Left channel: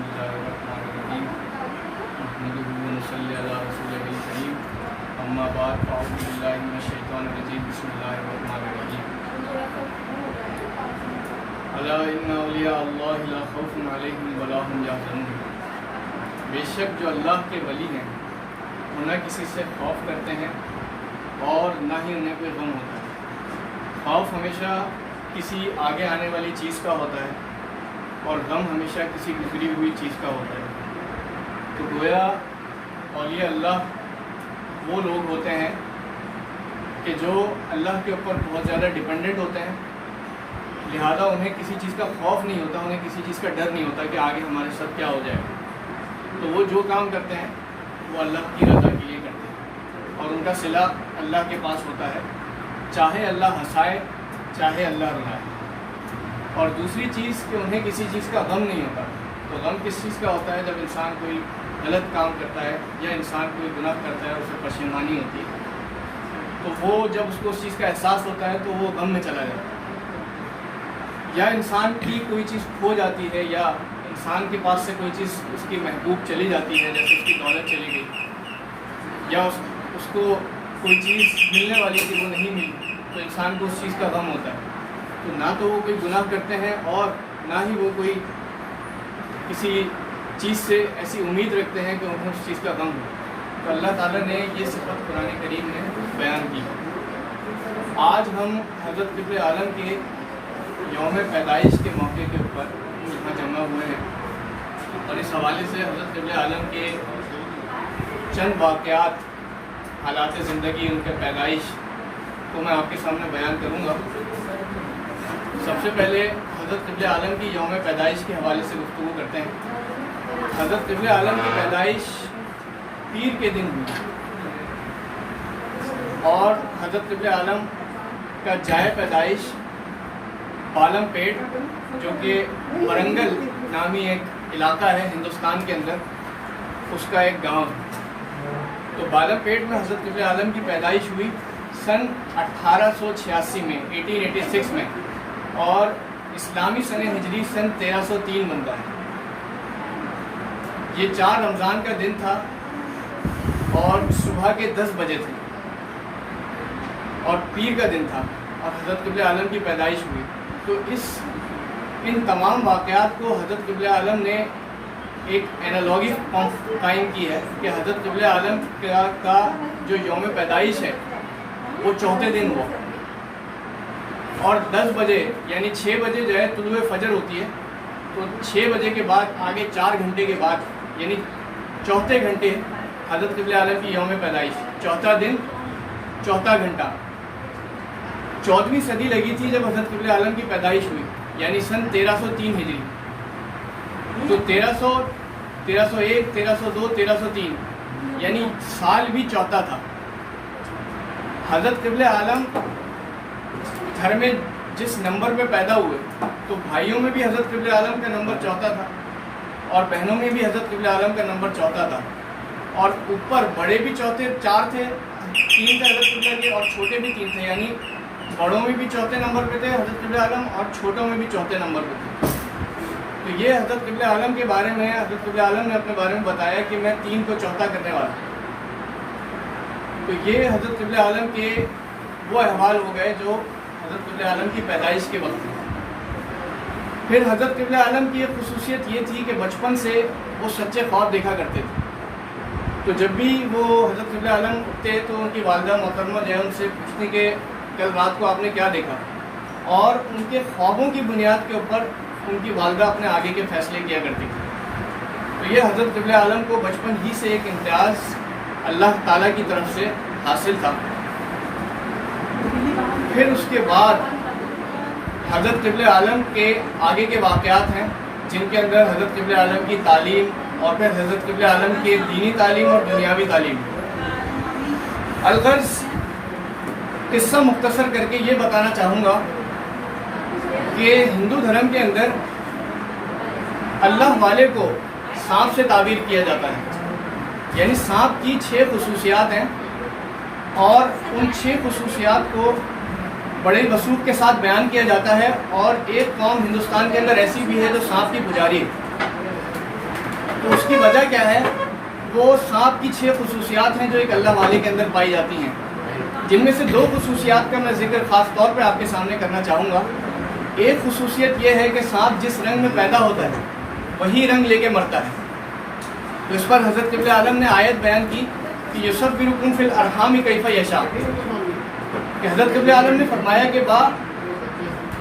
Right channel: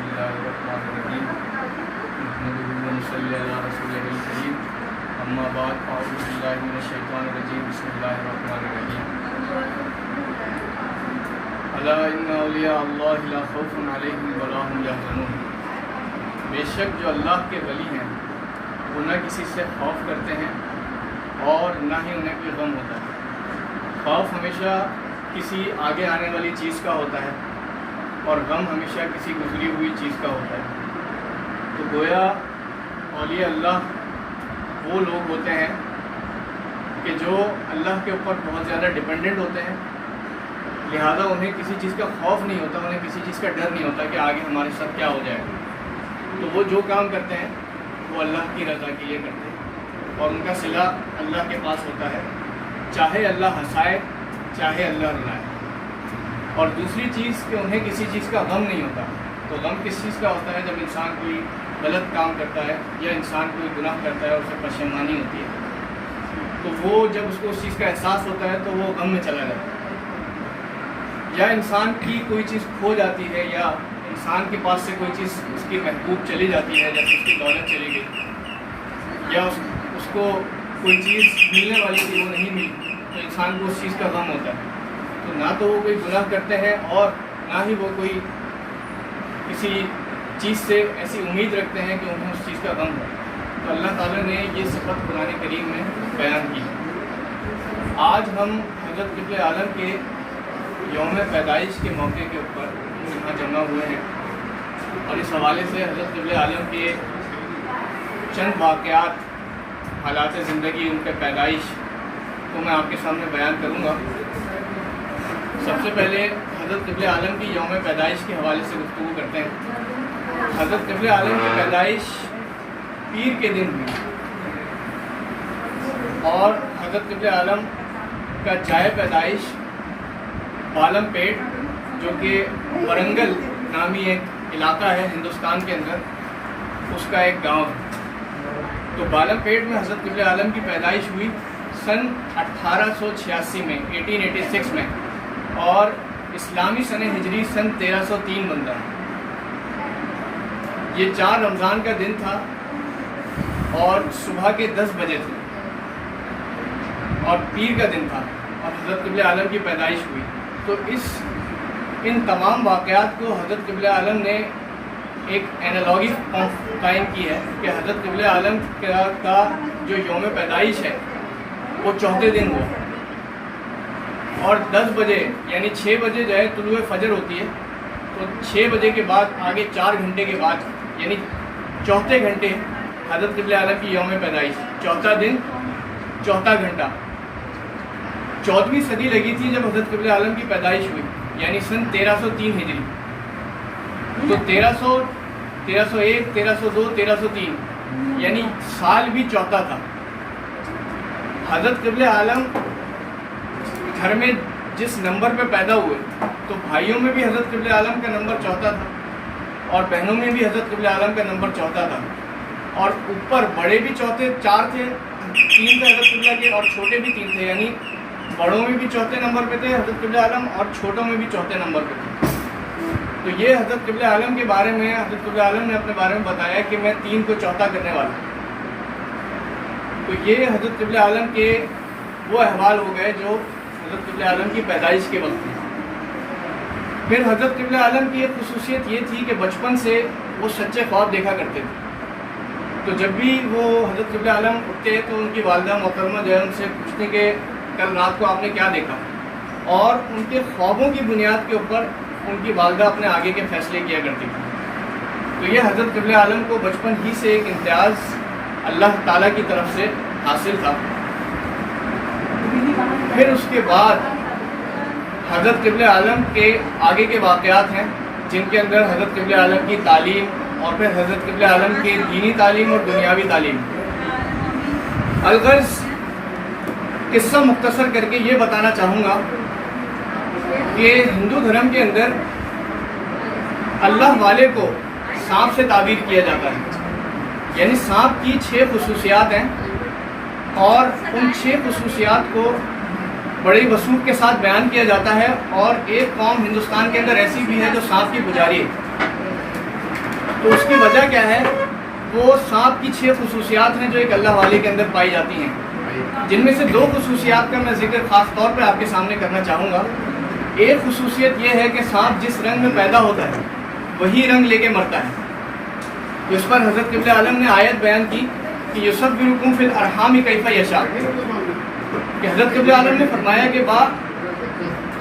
بسم اللہ الرحمن الرحیم نحمده ونصلی علی رسولہ الکریم اما بعد اعوذ باللہ من الشیطان الرجیم بسم اللہ الرحمن الرحیم الا ان اولیاء اللہ لا خوف علیہم ولا هم یحزنون بے شک جو اللہ کے ولی ہیں وہ نہ کسی سے خوف کرتے ہیں اور نہ ہی انہیں کوئی غم ہوتا ہے۔ خوف ہمیشہ کسی آگے آنے والی چیز کا ہوتا ہے اور غم ہمیشہ کسی گزری ہوئی چیز کا ہوتا ہے۔ تو گویا اولیاء اللہ وہ لوگ ہوتے ہیں کہ جو اللہ کے اوپر بہت زیادہ ڈیپینڈنٹ ہوتے ہیں، لہذا انہیں کسی چیز کا خوف نہیں ہوتا، انہیں کسی چیز کا ڈر نہیں ہوتا کہ آگے ہمارے ساتھ کیا ہو جائے گا۔ تو وہ جو کام کرتے ہیں وہ اللہ کی رضا کے لیے کرتے ہیں اور ان کا صلہ اللہ کے پاس ہوتا ہے، چاہے اللہ ہنسائے چاہے اللہ رلائے۔ اور دوسری چیز کہ انہیں کسی چیز کا غم نہیں ہوتا۔ تو غم کس چیز کا ہوتا ہے؟ جب انسان کوئی غلط کام کرتا ہے یا انسان کوئی گناہ کرتا ہے، اسے پشیمانی ہوتی ہے، تو وہ جب اس کو اس چیز کا احساس ہوتا ہے تو وہ غم میں چلا جاتا ہے۔ یا انسان کی کوئی چیز کھو جاتی ہے یا انسان کے پاس سے کوئی چیز اس کی محبوب چلی جاتی ہے، جیسے اس کی دولت چلی گئی یا اس کو کوئی چیز ملنے والی تھی وہ نہیں ملی، تو انسان کو اس چیز کا غم ہوتا ہے۔ تو نہ تو وہ کوئی گناہ کرتے ہیں اور نہ ہی وہ کوئی کسی چیز سے ایسی امید رکھتے ہیں کہ انہیں اس چیز کا غم ہو۔ تو اللہ تعالیٰ نے یہ صفت قرآن کریم میں بیان کی ہے۔ آج ہم حضرت قبلِ عالم کے یوم پیدائش کے موقع کے اوپر یہاں جمع ہوئے ہیں اور اس حوالے سے حضرت قبلِ عالم کے چند واقعات، حالات زندگی، ان کے پیدائش کو میں آپ کے سامنے بیان کروں گا۔ سب سے پہلے حضرت قبلِ عالم کی یوم پیدائش کے حوالے سے گفتگو کرتے ہیں۔ حضرت قبلِ عالم کی پیدائش پیر کے دن ہوئی اور حضرت قبلِ عالم کا جائے پیدائش بالم پیٹ، جو کہ ورنگل نامی ایک علاقہ ہے ہندوستان کے اندر، اس کا ایک گاؤں ہے۔ تو بالم پیٹ میں حضرت قبلِ عالم کی پیدائش ہوئی سن 1886 میں، 1886 میں، اور اسلامی سن ہجری سن 1303 بنتا ہے۔ یہ 4 رمضان کا دن تھا اور صبح کے 10 بجے تھے اور پیر کا دن تھا اور حضرت قبلِ عالم کی پیدائش ہوئی۔ تو ان تمام واقعات کو حضرت قبلِ عالم نے ایک اینالوگی قائم کی ہے کہ حضرت قبلِ عالم کا جو یوم پیدائش ہے وہ چوتھے دن ہوا اور 10 بجے یعنی 6 بجے جو ہے طلوع فجر ہوتی ہے، تو 6 بجے کے بعد آگے 4 گھنٹے کے بعد یعنی چوتھے گھنٹے حضرت قبلِ عالم کی یوم پیدائش، چوتھا دن چوتھا گھنٹہ۔ 14ویں صدی لگی تھی جب حضرت قبلِ عالم کی پیدائش ہوئی، یعنی سن 1303 ہجری۔ تو 1301، 1302، 1303 یعنی سال بھی چوتھا تھا۔ حضرت قبلِ عالم گھر میں جس نمبر پہ پیدا ہوئے تو بھائیوں میں بھی حضرت قبلِ عالم کا نمبر چوتھا تھا اور بہنوں میں بھی حضرت قبلِ عالم کا نمبر چوتھا تھا، اور اوپر بڑے بھی 4 تھے، 3 تھے حضرت قبلہ کے اور چھوٹے بھی 3 تھے، یعنی بڑوں میں بھی چوتھے نمبر پہ تھے حضرت قبلِ عالم اور چھوٹوں میں بھی چوتھے نمبر پہ تھے۔ تو یہ حضرت قبلِ عالم کے بارے میں حضرت قبلِ عالم نے اپنے بارے میں بتایا کہ میں 3 کو چوتھا کرنے والا ہوں۔ تو یہ حضرت قبلِ عالم کے وہ احوال ہو گئے جو حضرت قبلِ عالم کی پیدائش کے وقت تھے۔ پھر حضرت قبلِ عالم کی ایک خصوصیت یہ تھی کہ بچپن سے وہ سچے خواب دیکھا کرتے تھے۔ تو جب بھی وہ حضرت قبلِ عالم اٹھتے تو ان کی والدہ محترمہ جو ہے ان سے پوچھتے کہ کل رات کو آپ نے کیا دیکھا، اور ان کے خوابوں کی بنیاد کے اوپر ان کی والدہ اپنے آگے کے فیصلے کیا کرتی تھی۔ تو یہ حضرت قبلِ عالم کو بچپن ہی سے ایک امتیاز اللہ تعالیٰ کی طرف سے حاصل تھا۔ پھر اس کے بعد حضرت قبلِ عالم کے آگے کے واقعات ہیں جن کے اندر حضرت قبلِ عالم کی تعلیم اور پھر حضرت قبلِ عالم کی دینی تعلیم اور دنیاوی تعلیم۔ الغرض قصہ مختصر کر کے یہ بتانا چاہوں گا کہ ہندو دھرم کے اندر اللہ والے کو سانپ سے تعبیر کیا جاتا ہے، یعنی سانپ کی 6 خصوصیات ہیں اور ان 6 خصوصیات کو بڑی وثوق کے ساتھ بیان کیا جاتا ہے، اور ایک قوم ہندوستان کے اندر ایسی بھی ہے جو سانپ کی پجاری ہے۔ تو اس کی وجہ کیا ہے؟ وہ سانپ کی 6 خصوصیات ہیں جو ایک اللہ والے کے اندر پائی جاتی ہیں، جن میں سے 2 خصوصیات کا میں ذکر خاص طور پہ آپ کے سامنے کرنا چاہوں گا۔ ایک خصوصیت یہ ہے کہ سانپ جس رنگ میں پیدا ہوتا ہے وہی رنگ لے کے مرتا ہے۔ تو اس پر حضرت قبلہ عالم نے آیت بیان کی کہ یصبرکم فی الارحام کیف یشاء، کہ حضرت قبلہ عالم نے فرمایا کہ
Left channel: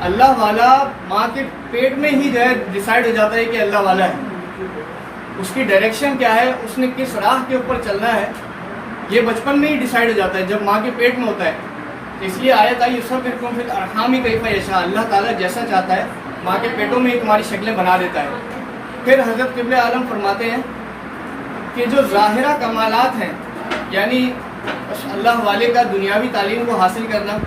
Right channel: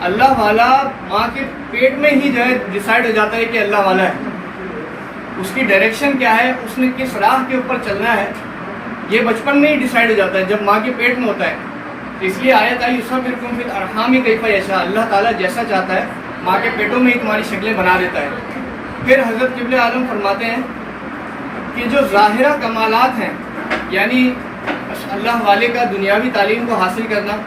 اللہ والا ماں کے پیٹ میں ہی جو ہے ڈیسائیڈ ہو جاتا ہے کہ اللہ والا ہے، اس کی ڈائریکشن کیا ہے، اس نے کس راہ کے اوپر چلنا ہے، یہ بچپن میں ہی ڈیسائیڈ ہو جاتا ہے جب ماں کے پیٹ میں ہوتا ہے۔ اس لیے آیت آئی یصبرکم فی الارحام کیف یشاء، اللہ تعالیٰ جیسا چاہتا ہے ماں کے پیٹوں میں ہی تمہاری شکلیں بنا دیتا ہے۔ پھر حضرت قبلہ عالم فرماتے ہیں کہ جو ظاہرہ کمالات ہیں، یعنی اللہ والے کا دنیاوی تعلیم کو حاصل کرنا،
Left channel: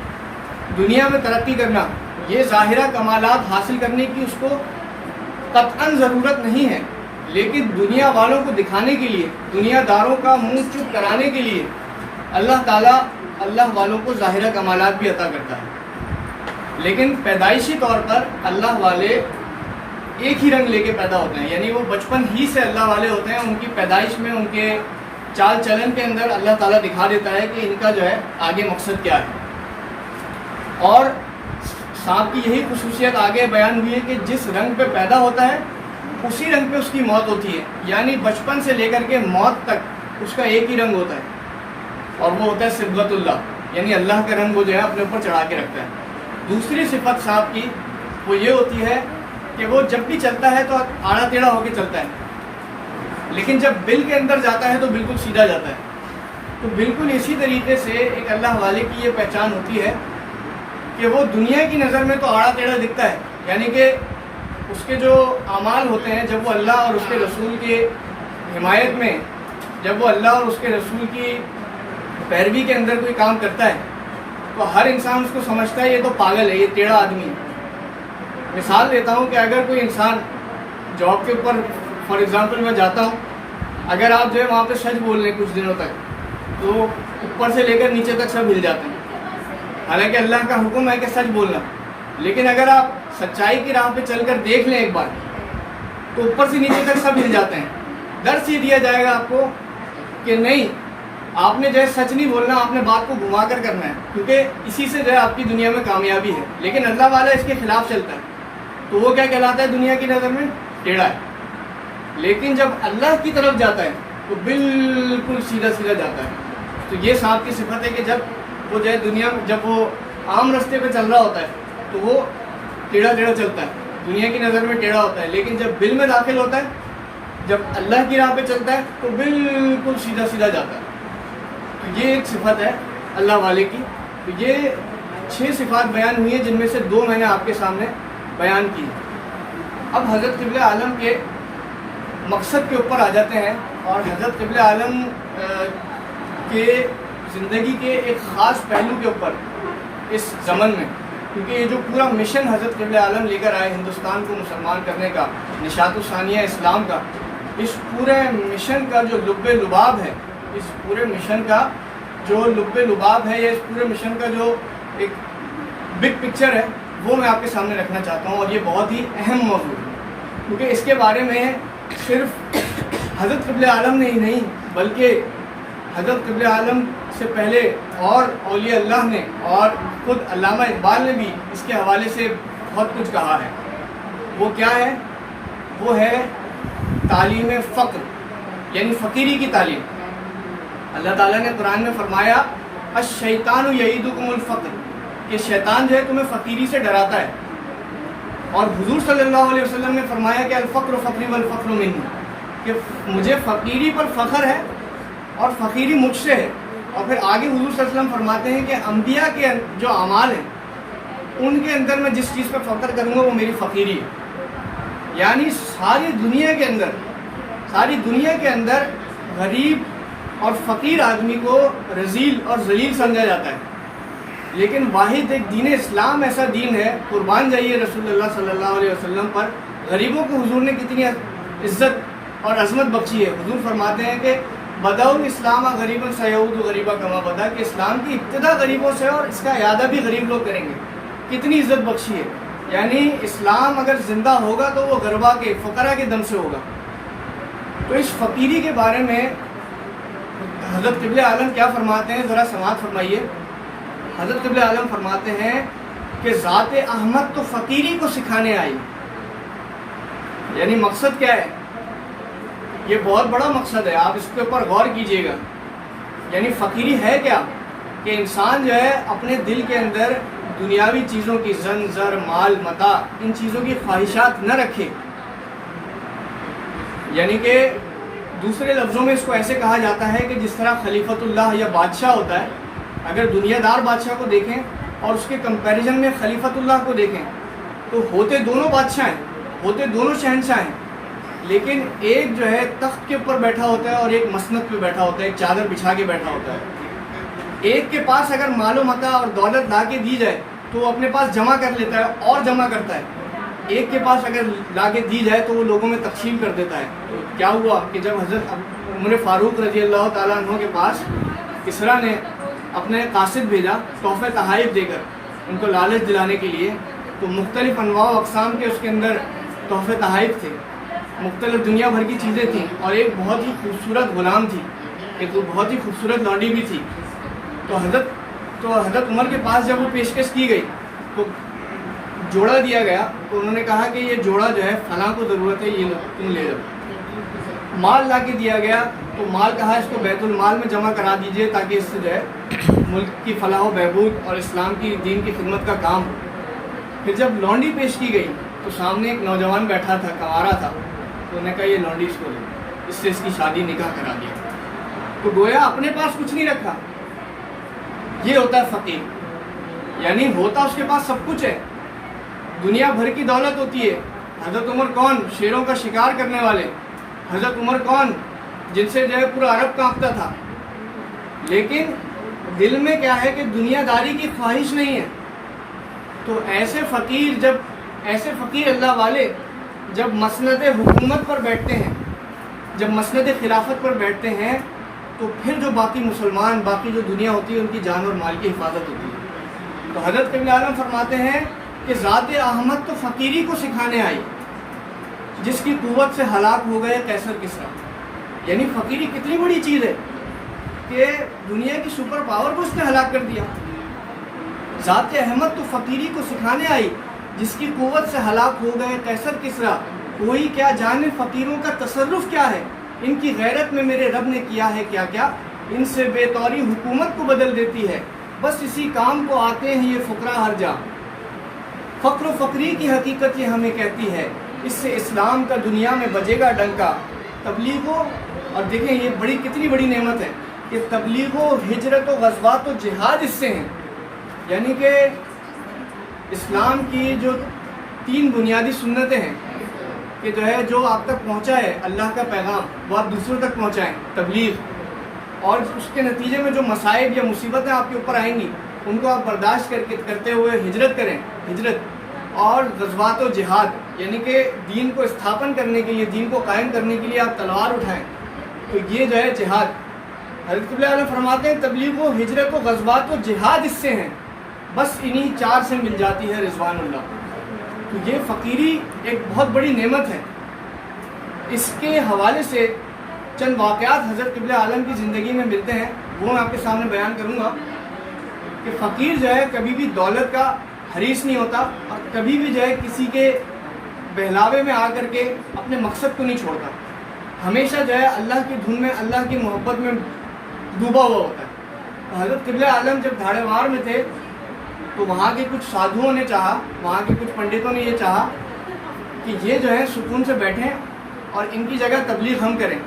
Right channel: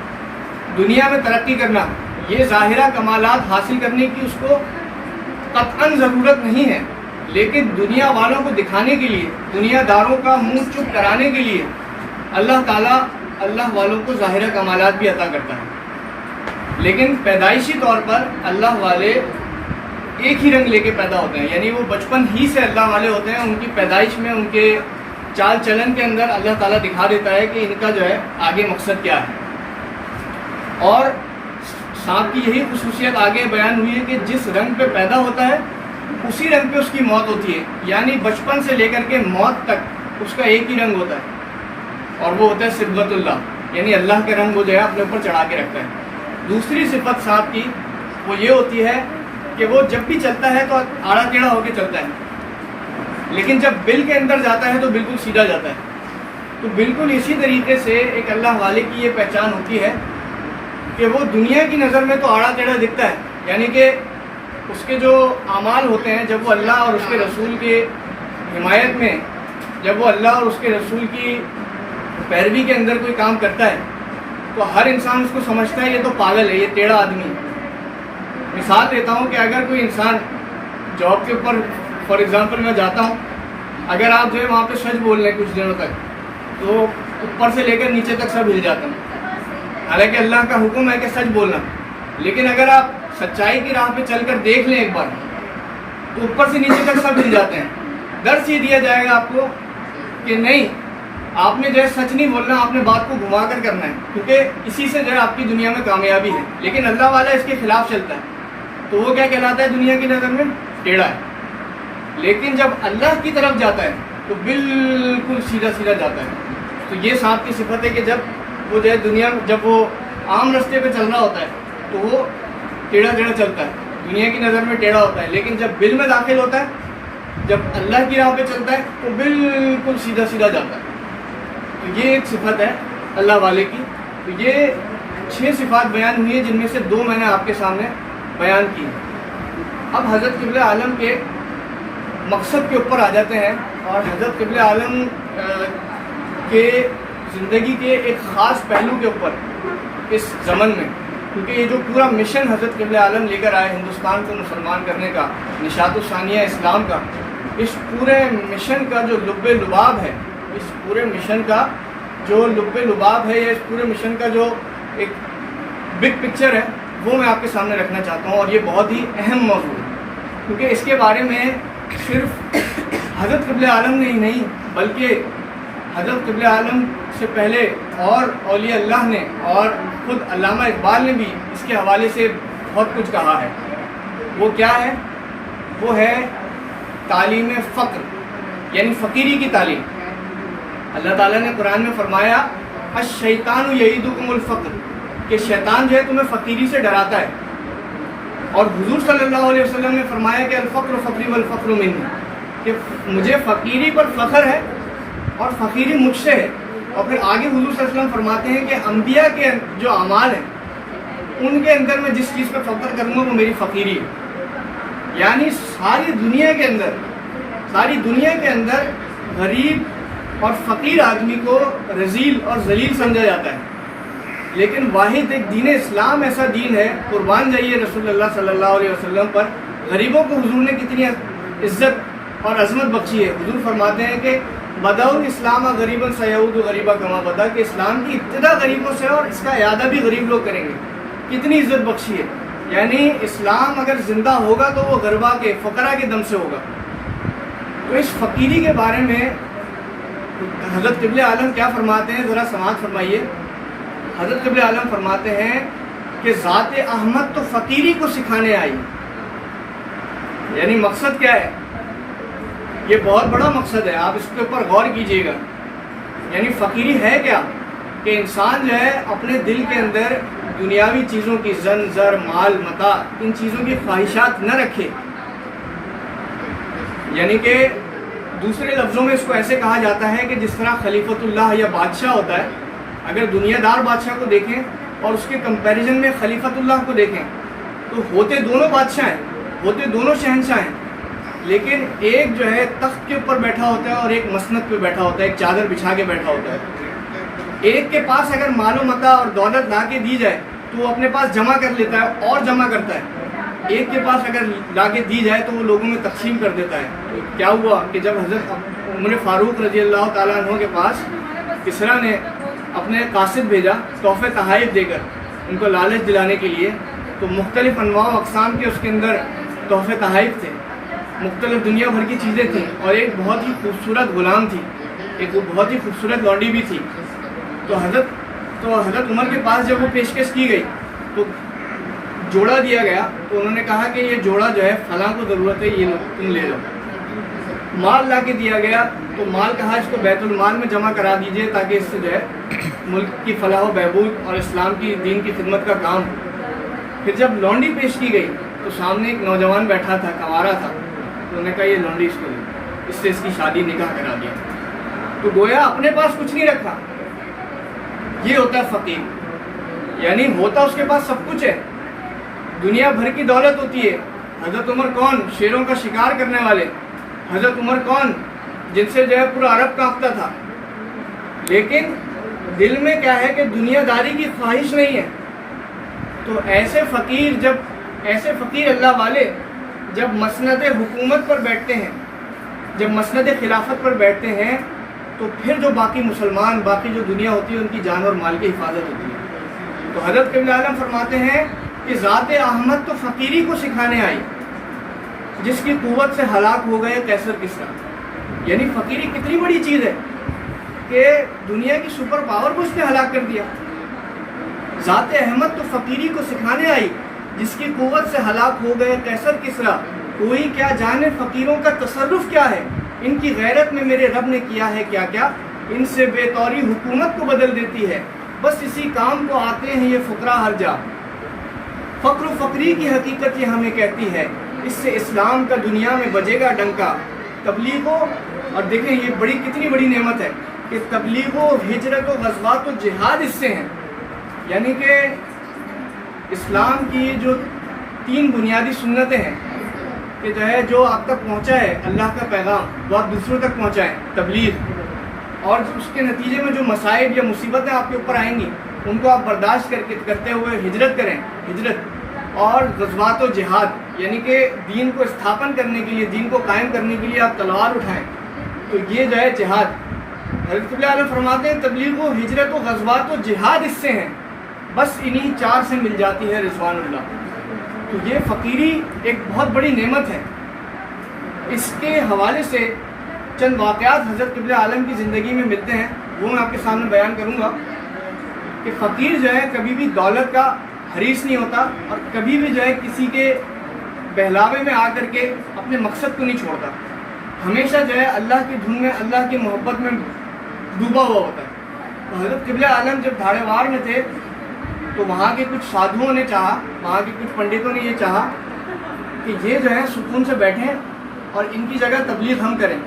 دنیا میں ترقی کرنا، یہ ظاہرہ کمالات حاصل کرنے کی اس کو قطعاً ضرورت نہیں ہے، لیکن دنیا والوں کو دکھانے کے لیے، دنیا داروں کا منہ چپ کرانے کے لیے اللہ تعالیٰ اللہ والوں کو ظاہرہ کمالات بھی عطا کرتا ہے۔ لیکن پیدائشی طور پر اللہ والے ایک ہی رنگ لے کے پیدا ہوتے ہیں، یعنی وہ بچپن ہی سے اللہ والے ہوتے ہیں۔ ان کی پیدائش میں، ان کے چال چلن کے اندر اللہ تعالیٰ دکھا دیتا ہے کہ ان کا جو ہے آگے مقصد کیا ہے۔ اور سانپ کی یہی خصوصیت آگے بیان ہوئی ہے کہ جس رنگ پہ پیدا ہوتا ہے اسی رنگ پہ اس کی موت ہوتی ہے، یعنی بچپن سے لے کر کے موت تک اس کا ایک ہی رنگ ہوتا ہے، اور وہ ہوتا ہے صبغۃ اللہ، یعنی اللہ کے رنگ وہ جو ہے اپنے اوپر چڑھا کے رکھتا ہے۔ دوسری صفت سانپ کی وہ یہ ہوتی ہے کہ وہ جب بھی چلتا ہے تو آڑا ٹیڑھا ہو کے چلتا ہے، لیکن جب بل کے اندر جاتا ہے تو بالکل سیدھا جاتا ہے۔ تو بالکل اسی طریقے سے ایک اللہ والے کی یہ پہچان ہوتی ہے کہ وہ دنیا کی نظر میں تو آڑا ٹیڑھا دکھتا ہے، یعنی کہ اس کے جو اعمال ہوتے ہیں، جب وہ اللہ اور اس کے رسول کی حمایت میں، جب وہ اللہ اور اس کے رسول کی پیروی کے اندر کوئی کام کرتا ہے تو ہر انسان اس کو سمجھتا ہے یہ تو پاگل ہے، یہ ٹیڑھا آدمی ہے۔ مثال دیتا ہوں کہ اگر کوئی انسان جاب کے اوپر، فار ایگزامپل میں جاتا ہوں، اگر آپ جو ہے وہاں پہ سچ بول رہے ہیں کچھ دنوں تک تو اوپر سے لے کر نیچے تک سب ہل جاتے ہیں، حالانکہ اللہ کا حکم ہے کہ سچ بولنا، لیکن اگر آپ سچائی کی راہ پہ چل کر دیکھ لیں ایک بار تو اوپر سے نیچے تک سب ہل جاتے ہیں۔ درس یہ دیا جائے گا آپ کو کہ نہیں، آپ نے جو ہے سچ نہیں بولنا، آپ نے بات کو گھما کر کرنا ہے، کیونکہ اسی سے جو ہے آپ کی دنیا میں کامیابی ہے۔ لیکن اللہ والا اس کے خلاف چلتا ہے تو وہ کیا کہلاتا ہے دنیا کی نظر میں؟ ٹیڑھا ہے۔ لیکن جب اللہ کی طرف جاتا ہے تو بالکل سیدھا سیدھا جاتا ہے۔ تو یہ سانپ کی صفت ہے کہ جب وہ جو ہے دنیا، جب وہ عام راستے پہ چل رہا ہوتا ہے تو وہ ٹیڑھا ٹیڑھا چلتا ہے، دنیا کی نظر میں ٹیڑھا ہوتا ہے، لیکن جب بل میں داخل ہوتا ہے، جب اللہ کی راہ پہ چلتا ہے تو بالکل سیدھا سیدھا جاتا ہے۔ تو یہ ایک صفت ہے اللہ والے کی۔ تو یہ 6 صفات بیان ہوئی ہیں، جن میں سے 2 میں نے آپ کے سامنے بیان کی۔ اب حضرت قبلہ عالم کے مقصد کے اوپر آ جاتے ہیں، اور حضرت قبلہ عالم کے زندگی کے ایک خاص پہلو کے اوپر اس زمن میں، کیونکہ یہ جو پورا مشن حضرت قبلہ عالم لے کر آئے ہندوستان کو مسلمان کرنے کا، نشاط الثانیہ اسلام کا، اس پورے مشن کا جو لب لباب ہے، اس پورے مشن کا جو لب لباب ہے، یا اس پورے مشن کا جو ایک بگ پکچر ہے، وہ میں آپ کے سامنے رکھنا چاہتا ہوں۔ اور یہ بہت ہی اہم موضوع ہے، کیونکہ اس کے بارے میں صرف حضرت قبلہ عالم نے ہی نہیں، بلکہ حضرت قبلہ عالم سے پہلے اور اولیاء اللہ نے اور خود علامہ اقبال نے بھی اس کے حوالے سے بہت کچھ کہا ہے۔ وہ کیا ہے؟ وہ ہے تعلیم فقر، یعنی فقیری کی تعلیم۔ اللہ تعالیٰ نے قرآن میں فرمایا الشیطان یعیدکم الفقر، کہ شیطان جو ہے تمہیں فقیری سے ڈراتا ہے، اور حضور صلی اللہ علیہ وسلم نے فرمایا کہ الفقر فقری والفقر منی، کہ مجھے فقیری پر فخر ہے اور فقیری مجھ سے ہے۔ اور پھر آگے حضور صلی اللہ علیہ وسلم فرماتے ہیں کہ انبیاء کے جو اعمال ہیں ان کے اندر میں جس چیز پر فخر کروں گا وہ میری فقیری ہے۔ یعنی ساری دنیا کے اندر غریب اور فقیر آدمی کو رذیل اور ذلیل سمجھا جاتا ہے، لیکن واحد ایک دین اسلام ایسا دین ہے، قربان جائیے رسول اللہ صلی اللہ علیہ وسلم پر، غریبوں کو حضور نے کتنی عزت اور عظمت بخشی ہے۔ حضور فرماتے ہیں کہ بدأ الاسلام غریبا سیعود غریبا کما بدا، کہ اسلام کی ابتدا غریبوں سے اور اس کا اعادہ بھی غریب لوگ کریں گے۔ کتنی عزت بخشی ہے، یعنی اسلام اگر زندہ ہوگا تو وہ غربا کے، فقراء کے دم سے ہوگا۔ تو اس فقیری کے بارے میں حضرت قبلہ عالم کیا فرماتے ہیں، ذرا سماعت فرمائیے۔ حضرت قبلہ عالم فرماتے ہیں کہ ذات احمد تو فقیری کو سکھانے آئی۔ یعنی مقصد کیا ہے؟ یہ بہت بڑا مقصد ہے، آپ اس کے اوپر غور کیجئے گا۔ یعنی فقیری ہے کیا؟ کہ انسان جو ہے اپنے دل کے اندر دنیاوی چیزوں کی زن زر مال متاع ان چیزوں کی خواہشات نہ رکھے۔ یعنی کہ دوسرے لفظوں میں اس کو ایسے کہا جاتا ہے کہ جس طرح خلیفۃ اللہ یا بادشاہ ہوتا ہے، اگر دنیا دار بادشاہ کو دیکھیں اور اس کے کمپیریزن میں خلیفۃ اللہ کو دیکھیں تو ہوتے دونوں بادشاہ ہیں، ہوتے دونوں شہنشاہ ہیں، لیکن ایک جو ہے تخت کے اوپر بیٹھا ہوتا ہے اور ایک مسند پہ بیٹھا ہوتا ہے، ایک چادر بچھا کے بیٹھا ہوتا ہے۔ ایک کے پاس اگر مال و متاع اور دولت لا کے دی جائے تو وہ اپنے پاس جمع کر لیتا ہے اور جمع کرتا ہے، ایک کے پاس اگر لا کے دی جائے تو وہ لوگوں میں تقسیم کر دیتا ہے۔ کیا ہوا کہ جب حضرت عمر فاروق رضی اللہ تعالیٰ عنہ کے پاس کسریٰ نے اپنے قاصد بھیجا تحفے تحائف دے کر ان کو لالچ دلانے کے لیے، تو مختلف انواع و اقسام کے اس کے اندر تحفے تحائف تھے، مختلف دنیا بھر کی چیزیں تھیں، اور ایک بہت ہی خوبصورت غلام تھی، ایک بہت ہی خوبصورت لونڈی بھی تھی۔ تو حضرت عمر کے پاس جب وہ پیشکش کی گئی تو جوڑا دیا گیا، تو انہوں نے کہا کہ یہ جوڑا جو ہے فلاں کو ضرورت ہے، یہ تم لے لو۔ مال لا کے دیا گیا تو مال کہا اس کو بیت المال میں جمع کرا دیجئے تاکہ اس سے جو ہے ملک کی فلاح و بہبود اور اسلام کی دین کی خدمت کا کام ہو۔ پھر جب لونڈی پیش کی گئی تو سامنے ایک نوجوان بیٹھا تھا، کنوارا تھا، تو انہوں نے کہا یہ لونڈی اس کو دے، اس سے اس کی شادی نکاح کرا دیا۔ تو گویا اپنے پاس کچھ نہیں رکھا۔ یہ ہوتا ہے فقیر، یعنی ہوتا اس کے پاس سب کچھ ہے، دنیا بھر کی دولت ہوتی ہے۔ حضرت عمر کون؟ شیروں کا شکار کرنے والے۔ حضرت عمر کون؟ جن سے جو ہے پورا عرب کانپتا تھا، لیکن دل میں کیا ہے کہ دنیا داری کی خواہش نہیں ہے۔ تو ایسے فقیر اللہ والے جب مسند حکومت پر بیٹھتے ہیں، جب مسند خلافت پر بیٹھتے ہیں، تو پھر جو باقی مسلمان، باقی جو دنیا ہوتی ہے ان کی جان اور مال کی حفاظت ہوتی ہے۔ تو حضرت قبلہ عالم فرماتے ہیں کہ ذات احمد تو فقیری کو سکھانے آئی، جس کی قوت سے ہلاک ہو گئے قیصر کسریٰ۔ یعنی فقیری کتنی بڑی چیز ہے کہ دنیا کی سپر پاور کو اس نے ہلاک کر دیا۔ ذات احمد تو فقیری کو سکھانے آئی، جس کی قوت سے ہلاک ہو گئے قیصر کسریٰ۔ کوئی کیا جانے فقیروں کا تصرف کیا ہے، ان کی غیرت میں میرے رب نے کیا ہے کیا کیا، ان سے بے طوری حکومت کو بدل دیتی ہے، بس اسی کام کو آتے ہیں یہ فقراء ہر جا۔ فقر و فقری کی حقیقت یہ ہمیں کہتی ہے، اس سے اسلام کا دنیا میں بجے گا ڈنکا۔ تبلیغ اور دیکھیں یہ کتنی بڑی نعمت ہے کہ تبلیغ و ہجرت و غزوات و جہاد اس سے ہیں۔ یعنی کہ اسلام کی جو 3 بنیادی سنتیں ہیں کہ جو ہے جو آپ تک پہنچا ہے اللہ کا پیغام وہ آپ دوسروں تک پہنچائیں، تبلیغ، اور اس کے نتیجے میں جو مصائب یا مصیبتیں آپ کے اوپر آئیں گی ان کو آپ برداشت کرتے ہوئے ہجرت کریں، ہجرت اور غزوات و جہاد، یعنی کہ دین کو استھاپن کرنے کے لیے، دین کو قائم کرنے کے لیے آپ تلوار اٹھائیں، تو یہ جو ہے جہاد۔ حضرت قبلہ عالم فرماتے ہیں تبلیغ و ہجرت و غزوات و جہاد اس سے ہیں، بس انہی 4 سے مل جاتی ہے رضوان اللہ۔ تو یہ فقیری ایک بہت بڑی نعمت ہے۔ اس کے حوالے سے چند واقعات حضرت قبلہ عالم کی زندگی میں ملتے ہیں، وہ میں آپ کے سامنے بیان کروں گا کہ فقیر جو ہے کبھی بھی دولت کا حریص نہیں ہوتا، اور کبھی بھی جو ہے کسی کے بہلاوے میں آ کر کے اپنے مقصد کو نہیں چھوڑتا، ہمیشہ جو ہے اللہ کی دھن میں، اللہ کی محبت میں ڈوبا ہوا ہوتا ہے۔ تو حضرت قبلہ عالم جب دھاڑے وار میں تھے تو وہاں کے کچھ سادھوؤں نے چاہا، وہاں کے کچھ پنڈتوں نے یہ چاہا کہ یہ جو ہے سکون سے بیٹھیں اور ان کی جگہ تبلیغ ہم کریں۔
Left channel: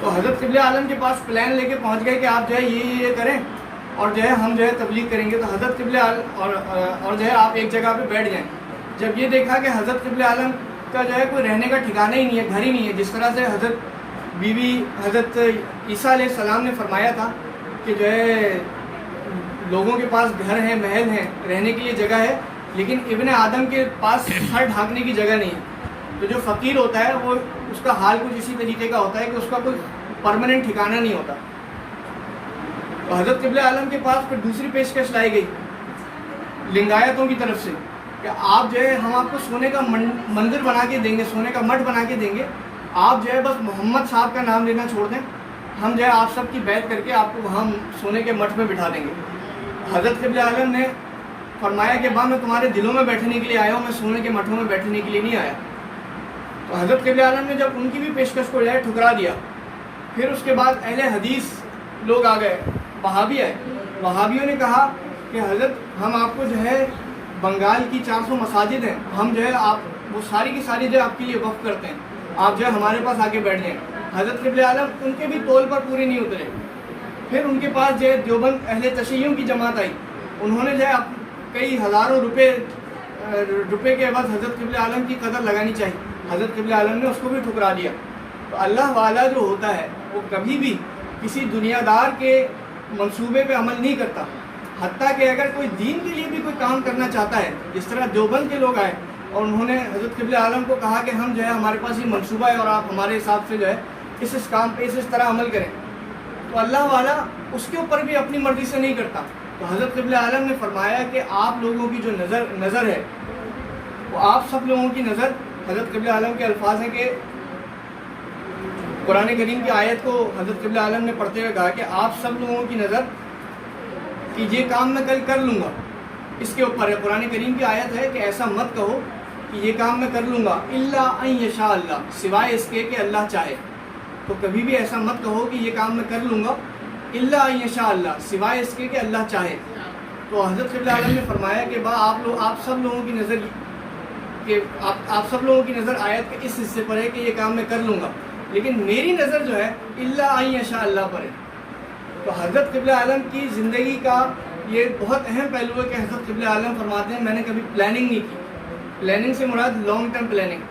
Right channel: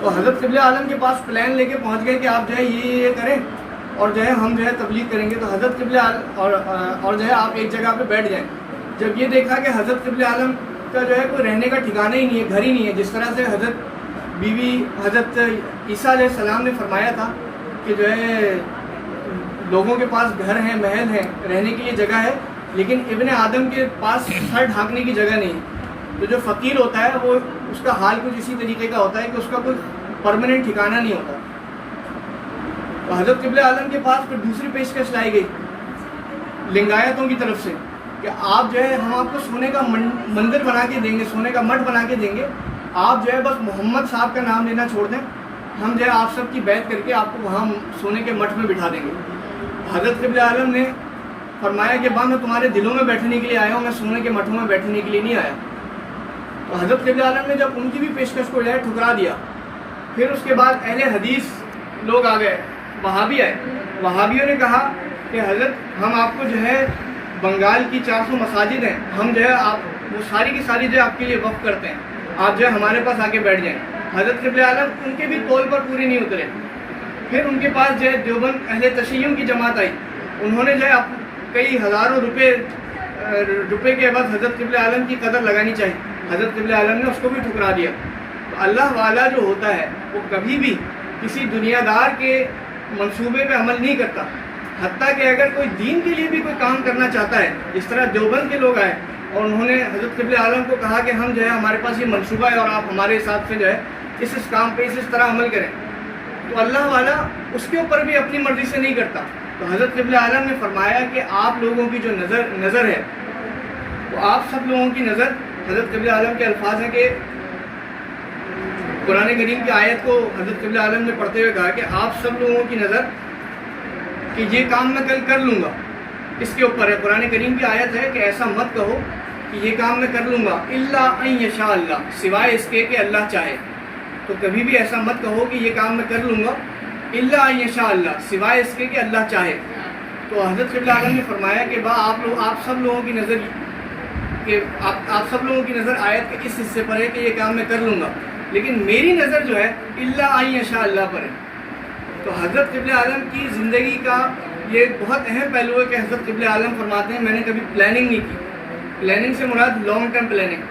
تو حضرت قبلہ عالم کے پاس پلان لے کے پہنچ گئے کہ آپ جو ہے یہ کریں اور جو ہے ہم جو ہے تبلیغ کریں گے۔ تو حضرت قبلہ عالم اور جو ہے آپ ایک جگہ پہ بیٹھ جائیں۔ جب یہ دیکھا کہ حضرت قبلہ عالم کا جو ہے کوئی رہنے کا ٹھکانہ ہی نہیں ہے، گھر ہی نہیں ہے، جس طرح سے حضرت عیسیٰ علیہ السلام نے فرمایا تھا کہ جو ہے لوگوں کے پاس گھر ہیں، محل ہیں، رہنے کے لیے جگہ ہے، لیکن ابن آدم کے پاس سر ڈھانکنے کی جگہ نہیں۔ تو جو فقیر ہوتا ہے وہ اس کا حال کچھ اسی طریقے کا ہوتا ہے کہ اس کا کوئی پرماننٹ ٹھکانہ نہیں ہوتا۔ تو حضرت قبلہ عالم کے پاس پھر دوسری پیشکش لائی گئی لنگایتوں کی طرف سے کہ آپ جو ہے ہم آپ کو سونے کا مندر بنا کے دیں گے، سونے کا مٹھ بنا کے دیں گے، آپ جو ہے بس محمد صاحب کا نام لینا چھوڑ دیں، ہم جو ہے آپ سب کی بیعت کر کے آپ کو وہاں سونے کے مٹھ میں بٹھا دیں گے۔ حضرت قبلہ عالم نے فرمایا کہ میں تمہارے دلوں میں بیٹھنے کے لیے آیا ہوں، میں سونے کے مٹھوں میں بیٹھنے کے لیے نہیں آیا۔ تو حضرت قبلہ عالم نے جب ان کی بھی پیشکش کو جو ہے ٹھکرا دیا، پھر اس کے بعد اہل حدیث لوگ آ گئے، وہابی آئے۔ وہابیوں نے کہا کہ حضرت ہم آپ کو جو ہے بنگال کی 400 مساجد ہیں، ہم جو ہے آپ وہ ساری کی ساری جو ہے آپ کے لیے وقف کرتے ہیں، آپ جو ہے ہمارے پاس آ کے بیٹھ جائیں۔ حضرت قبلہ عالم ان کے بھی طول پر پورے نہیں اترے۔ پھر ان کے پاس جو ہے دیوبند اہل تشیعوں کی جماعت آئی، انہوں نے جو ہے کئی ہزاروں روپے کے بعد حضرت قبلہ عالم کی قدر لگانی چاہیے، حضرت قبلہ عالم نے اس کو بھی ٹھکرا دیا۔ تو اللہ والا جو ہوتا ہے وہ کبھی بھی کسی دنیا دار کے منصوبے پہ عمل نہیں کرتا، حتیٰ کہ اگر کوئی دین کے لیے بھی کوئی کام کرنا چاہتا ہے، جس طرح دیوبند کے لوگ آئے اور انہوں نے حضرت قبلہ عالم کو کہا کہ ہم جو ہے ہمارے پاس یہ منصوبہ ہے اور آپ ہمارے حساب سے جو ہے اس کام پہ اس طرح عمل کریں، تو اللہ والا اس کے اوپر بھی اپنی مرضی سے نہیں کرتا۔ تو حضرت قبلہ عالم نے فرمایا کہ آپ لوگوں کی جو نظر ہے وہ آپ سب لوگوں کی نظر، حضرت قبلہ عالم کے الفاظ ہیں کہ قرآن کریم کی آیت کو حضرت قبلہ عالم نے پڑھتے ہوئے کہا کہ آپ سب لوگوں کی نظر کہ یہ کام میں کل کر لوں گا، اس کے اوپر ہے۔ قرآن کریم کی آیت ہے کہ ایسا مت کہو کہ یہ کام میں کر لوں گا الا ان یشاء اللہ، سوائے اس کے کہ اللہ چاہے۔ تو کبھی بھی ایسا مت کہو کہ یہ کام میں کر لوں گا الا ان یشاء اللہ، سوائے اس کے کہ اللہ چاہے۔ تو حضرت قبلہ عالم نے فرمایا کہ آپ سب لوگوں کی نظر کہ آپ سب لوگوں کی نظر آیت کے اس حصے پر ہے کہ یہ کام میں کر لوں گا، لیکن میری نظر جو ہے الا ان یشاء اللہ پر ہے۔ تو حضرت قبلہ عالم کی زندگی کا یہ بہت اہم پہلو ہے کہ حضرت قبلہ عالم فرماتے ہیں میں نے کبھی پلاننگ نہیں کی۔ پلاننگ سے مراد لانگ ٹرم پلاننگ،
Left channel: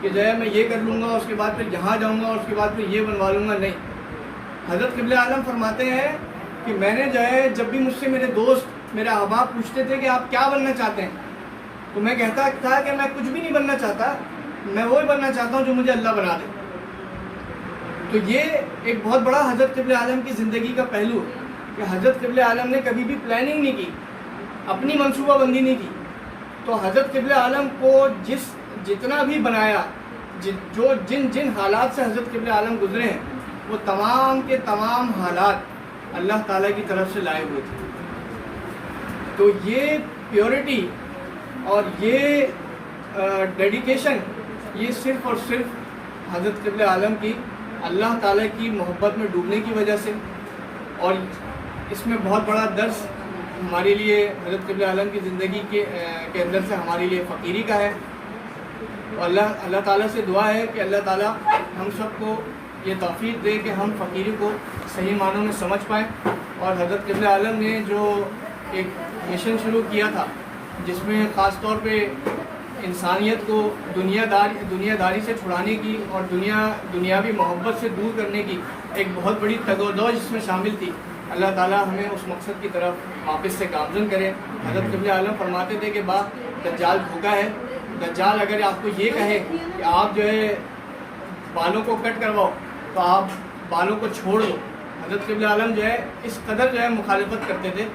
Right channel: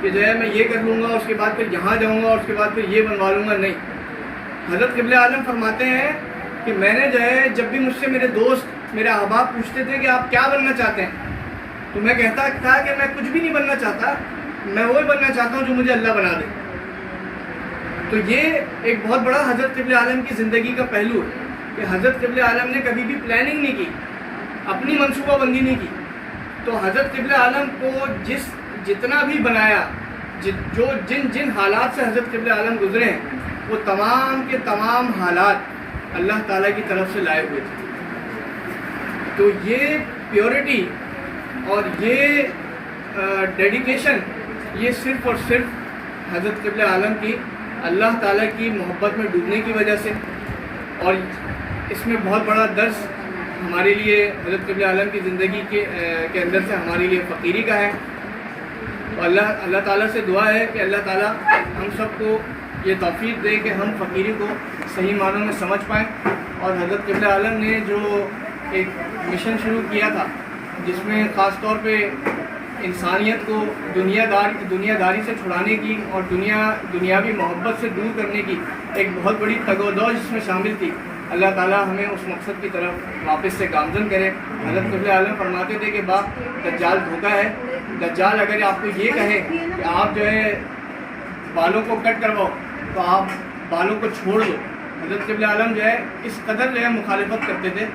کہ جو ہے میں یہ کر لوں گا اس کے بعد پھر یہاں جاؤں گا، اس کے بعد پھر یہ بنوا لوں گا، نہیں۔ حضرت قبلہ عالم فرماتے ہیں کہ میں نے جو ہے جب بھی مجھ سے میرے دوست، میرے احباب پوچھتے تھے کہ آپ کیا بننا چاہتے ہیں، تو میں کہتا تھا کہ میں کچھ بھی نہیں بننا چاہتا، میں وہ بننا چاہتا ہوں جو مجھے اللہ بنا دے۔ تو یہ ایک بہت بڑا حضرت قبلہ عالم کی زندگی کا پہلو ہے کہ حضرت قبلہ عالم نے کبھی بھی پلاننگ نہیں کی، اپنی منصوبہ بندی نہیں کی۔ تو حضرت قبلہ عالم کو جتنا بھی بنایا، جن حالات سے حضرت قبلہ عالم گزرے ہیں، وہ تمام کے تمام حالات اللہ تعالیٰ کی طرف سے لائے ہوئے تھے۔ تو یہ پیورٹی اور یہ ڈیڈیکیشن، یہ صرف اور صرف حضرت قبلہ عالم کی اللہ تعالیٰ کی محبت میں ڈوبنے کی وجہ سے، اور اس میں بہت بڑا درس ہمارے لیے حضرت قبلہ عالم کی زندگی کے اندر سے ہمارے لیے فقیری کا ہے۔ تو اللہ تعالیٰ سے دعا ہے کہ اللہ تعالیٰ ہم سب کو یہ توفیق دے کہ ہم فقیری کو صحیح معنوں میں سمجھ پائیں، اور حضرت قبلہ عالم نے جو ایک مشن شروع کیا تھا جس میں خاص طور پہ انسانیت کو دنیا داری سے چھڑانے کی اور دنیاوی محبت سے دور کرنے کی ایک بہت بڑی تگ و دو جس میں شامل تھی، اللہ تعالیٰ ہمیں اس مقصد کی طرف واپس سے گامزن کرے۔ حضرت قبلہ عالم فرماتے تھے کہ دجال دھوکا ہے، دجال اگر آپ کو یہ کہے کہ آپ جو ہے بالوں کو کٹ کرواؤ تو آپ بالوں کو چھوڑ دو۔ حضرت قبلہ عالم جو ہے اس قدر جو ہے مخالفت کرتے تھے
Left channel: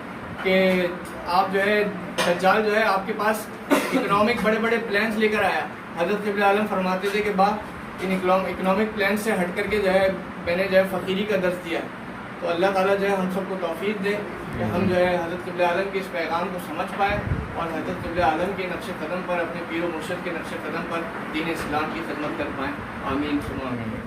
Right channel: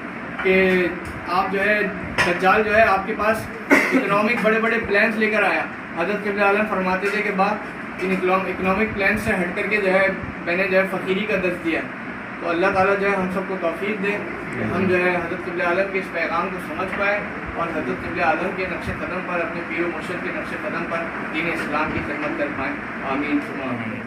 کہ آپ جو ہے دجال جو ہے آپ کے پاس اکنامک بڑے پلانس لے کر آیا۔ حضرت قبلہ عالم فرماتے تھے کہ ان اکنامک پلانس سے ہٹ کر کے جو ہے میں نے جو ہے فقیری کا درس دیا۔ تو اللہ تعالیٰ جو ہے ہم سب کو توفیق دے کہ ہم جو ہے حضرت قبلہ عالم کے اس پیغام کو سمجھ پائیں اور حضرت قبلہ عالم کے نقش قدم پر، اپنے پیر و مرشد کے نقش قدم پر دین اسلام کی خدمت کر پائیں۔ آمین ثم آمین۔